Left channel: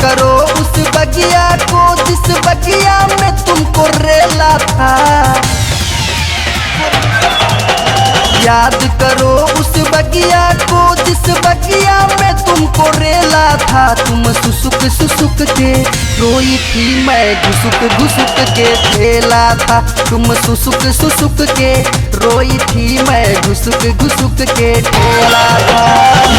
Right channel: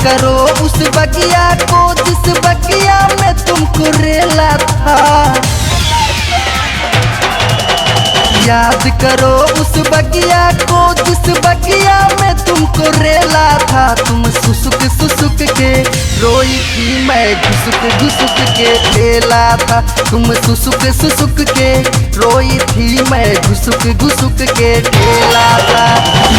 करो उस बगिया को जिस बगिया में तुमको रेला था। याद करो उस बगिया को जिस बगिया में तुमको रेला था। तुम सुसुक सुसुक के रोई थी, मैं घुसुक घुसुक के खेला था। तुम सुसुक सुसुक के रोई थी, मैं घुसुक घुसुक के खेला था।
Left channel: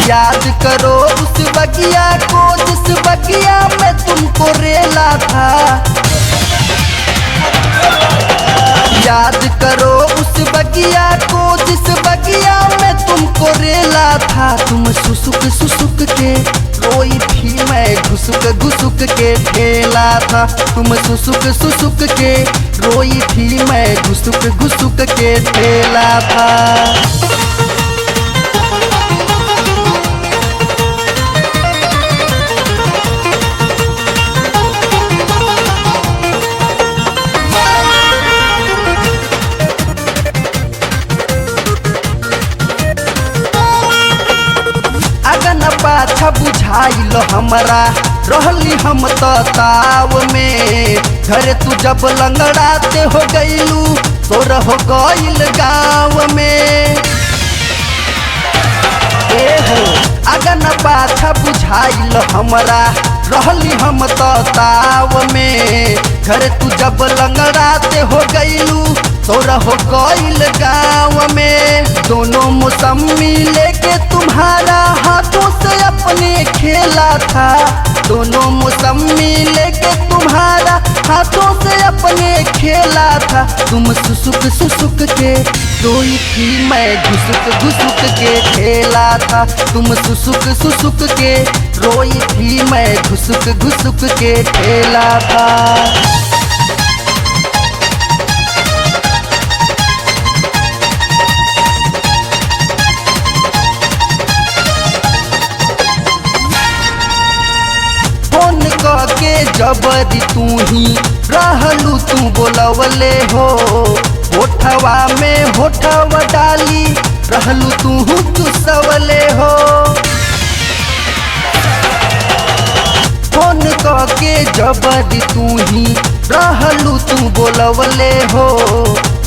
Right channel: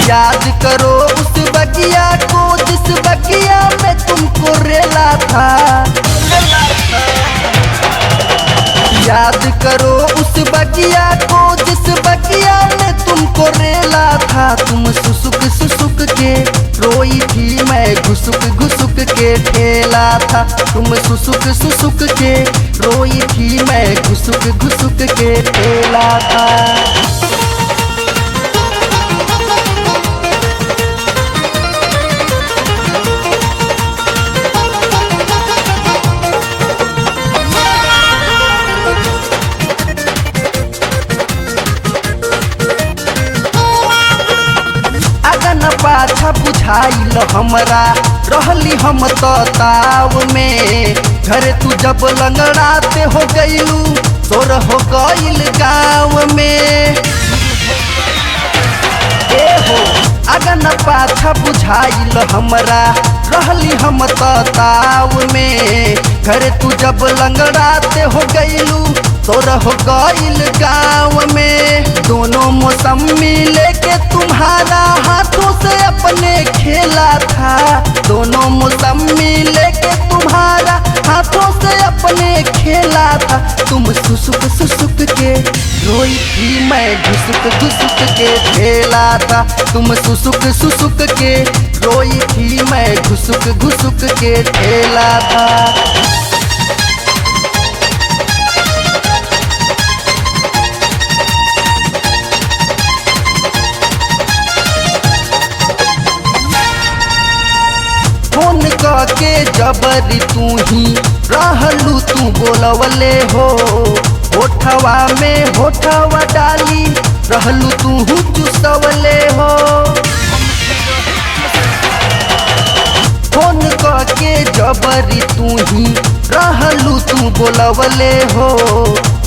याद करो उस बगिया को जिस बगिया में तुमको रेला था। याद करो उस बगिया को जिस बगिया में तुमको रेला था। तुम सुसुक सुसुक के रोई थी, मैं घुसुक घुसुक के खेला था। तुम सुसुक सुसुक के रोई थी, मैं घुसुक घुसुक के खेला था। पाछा बुझाइल हमारा रहली हम ताव में। घर तू जब लंगड़ाते हो गईलू तोरा हो गईल गाँव में। अगन पाछा बुझाइल हमारा रहली हम ताव में। घर तू जब लंगड़ाते हो गईलू तोरा हो गईल गाँव में। दोनों मौसम मिले के तुम्हारा हाथों से अपने खेला था। दोनों मौसम मिले के तुम्हारा हाथों से अपने खेला था। तुम सुसुक सुसुक के रोई थी, मैं घुसुक घुसुक के खेला था। तुम सुसुक सुसुक के रोई थी, मैं घुसुक घुसुक के खेला था। के जबरी तू ही रहलू तू बोलवले हो। होठवा में होठवा डाली रहलू तू चुसवले हो। फोन के जबरी तू ही रहलू तू बोलवले हो।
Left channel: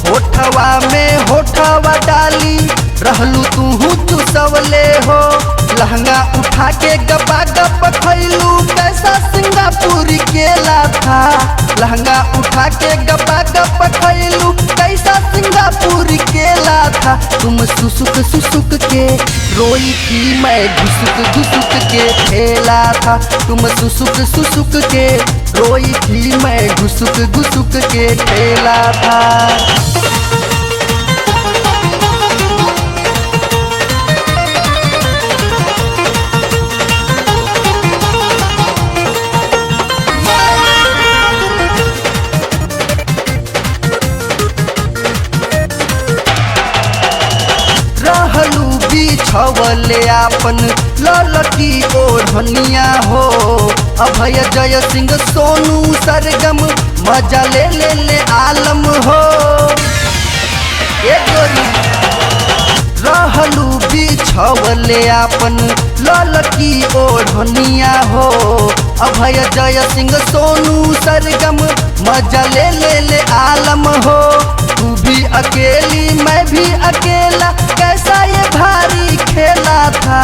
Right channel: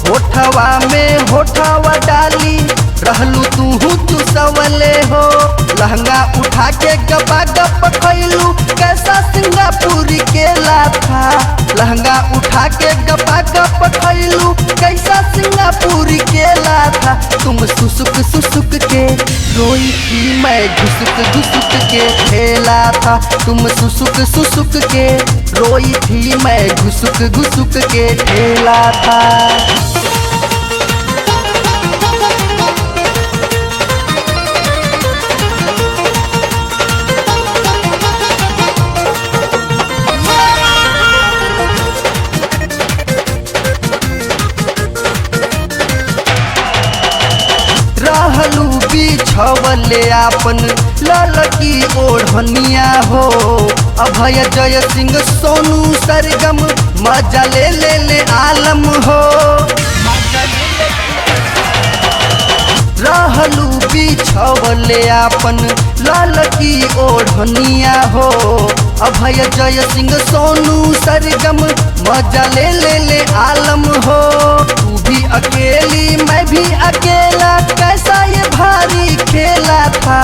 होठवा में होठवा डाली रहलू तू चुसवले हो। लहंगा उठा के गपा गप खैलू कैसा सिंगापुर केला था। लहंगा उठा के गपा गप खैलू कैसा सिंगापुर केला था। तुम सुसुक सुसुक के रोई थी, मैं घुसुक घुसुक के खेला था। तुम सुसुक सुसुक के रोई थी, मैं घुसुक घुसुक के खेला था। रहलू बिछवले आपन ललकी ओढ़निया हो। अभय जय सिंह सोनू सरगम मजा ले ले आलम हो। रहलू बिछवले आपन ललकी ओढ़निया हो। अभय जय सिंह सोनू सरगम मजा ले ले आलम हो। तू भी अकेली मैं भी अकेला कैसा ये भारी खेला था।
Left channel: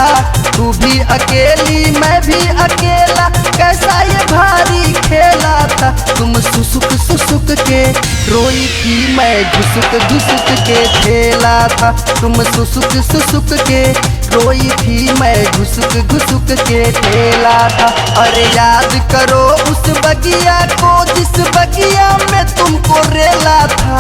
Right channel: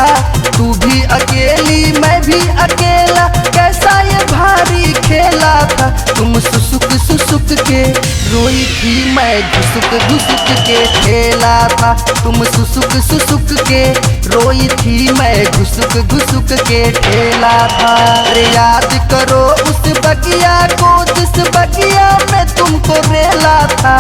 तू भी अकेली मैं भी अकेला कैसा ये भारी खेला था। तुम सुसुक सुसुक के रोई थी, मैं घुसुक घुसुक के खेला था। तुम सुसुक सुसुक के रोई थी, मैं घुसुक घुसुक के खेला था। और याद करो उस बगिया को जिस बगिया में तुमको रेला था।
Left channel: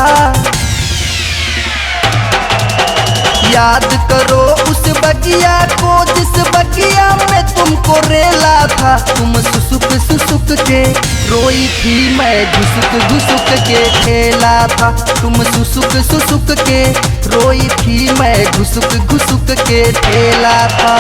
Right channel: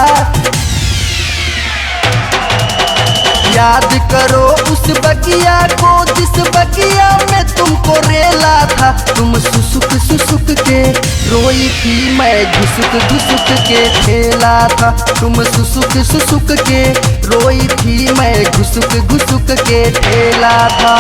याद करो उस बगिया को जिस बगिया में तुमको रेला था। तुम सुसुक सुसुक के रोई थी, मैं घुसुक घुसुक के खेला था। तुम सुसुक सुसुक के रोई थी, मैं घुसुक घुसुक के खेला था।